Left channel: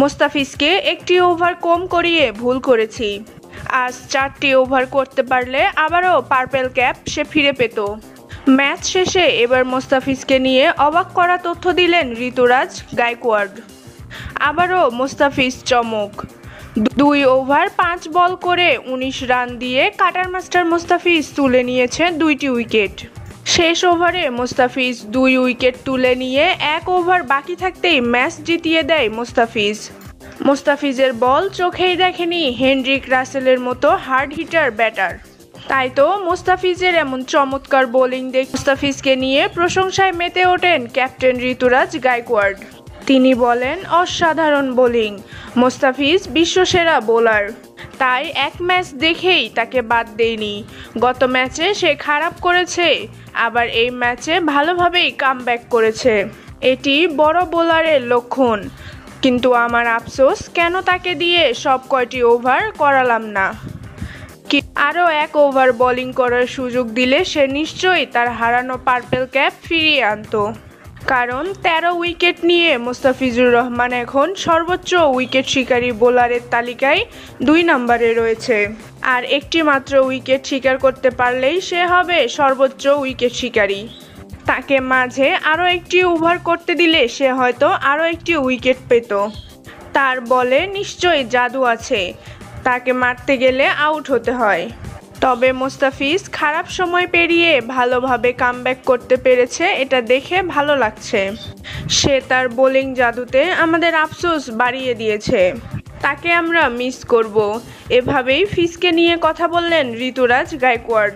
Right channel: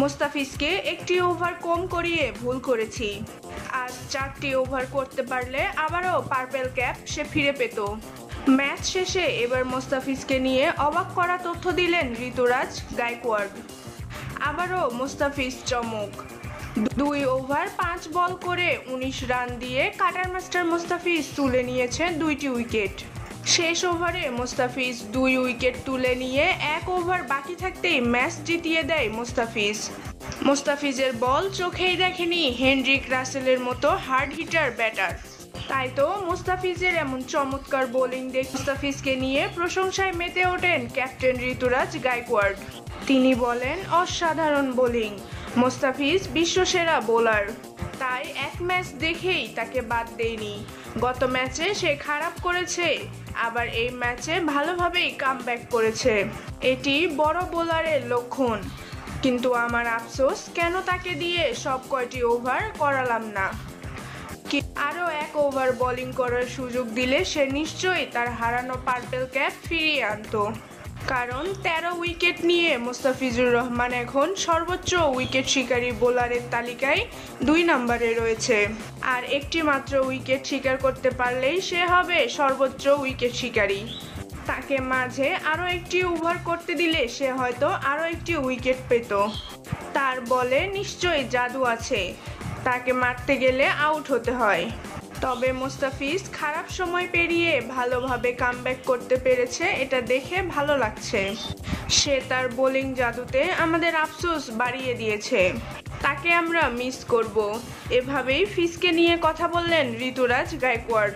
মুস্তাফিজকে একটি ওভার কম করিয়ে ভুল করেছি। আজ 4টি ওভার করতে পারলে আবারও পার্পেল ক্যাপ সে ফিরে পেত। ম্যাচ শেষে এবার মুস্তাফিজকে নিয়ে অবাক করা তথ্য দিলেন ঋতুরাজ গায়কোয়াড়। আবারও মুস্তাফিজ চমক। 2 ওভার 5 বল করে 19 রান দিয়ে কাটার মাস্টার মুস্তাফিজ তুলে নিয়েছে 2টি উইকেট। শেষ ওভারে মুস্তাফিজ 2 উইকেট তুলে নিয়ে 1 ওভার বাকি থাকতেই ম্যাচ জিতিয়ে দেয় মুস্তাফিজের বল চোখেই দেখেনি হেনরিক রাসেলের মতো হার্ড হিটার ব্যাটার। তাই তো মুস্তাফিজের এমন চমৎকার বোলিং দেখে মুস্তাফিজকে নিয়ে প্রশংসায় মেতে ওঠেন ক্যাপ্টেন ঋতুরাজ গায়কোয়াড়। তিনি বলেন, অসাধারণ বোলিং, মুস্তাফিজ বিশ্বসেরা বোলার। তাই এক ম্যাচ দেখেই তাকে বাদ দেইনি। গত ম্যাচে সে খারাপ করেছে, আবার এই ম্যাচে ভালোভাবেই কামব্যাক করেছে। এটি বড় বোলারের লক্ষণ। কিন্তু আমার আফসোস, কেন তাকে দিয়ে সব কয়টি ওভার করালাম না। আরও 1 ওভার বোলিং করার সুযোগ দিলে সে নিশ্চয়ই তার হারানো পার্পেল ক্যাপ ফিরিয়ে আনত। কারণ 13 উইকেট নিয়ে মুস্তাফিজুর রহমান এখন সর্বোচ্চ উইকেট শিকারী বোলারের তালিকায় 2 নম্বরে রয়েছে। আর একটি মাত্র উইকেট শিকার করতে পারলেই সে হবে সর্বোচ্চ উইকেট শিকারী। তাকে মাঝে আরও একটি ওভার করতে দিলে সে হয়তো আরও একটি উইকেট পেত। তার বলে নিশ্চয়ই জাদু আছে, তাকে মারতে গেলে আউট হতে হয়। তবে মুস্তাফিজ খারাপ সময় পেরিয়ে ভালোভাবে কামব্যাক করতে পেরেছে, এটা দেখে ভালো লাগছে। সে তার বোলিং জাদুতে আমাদের আফসোস বাড়িয়ে দিয়েছে। তাকে আমরা মিস করব। এভাবেই ফিজকে নিয়ে কথা বললেন ঋতুরাজ গায়কোয়াড়।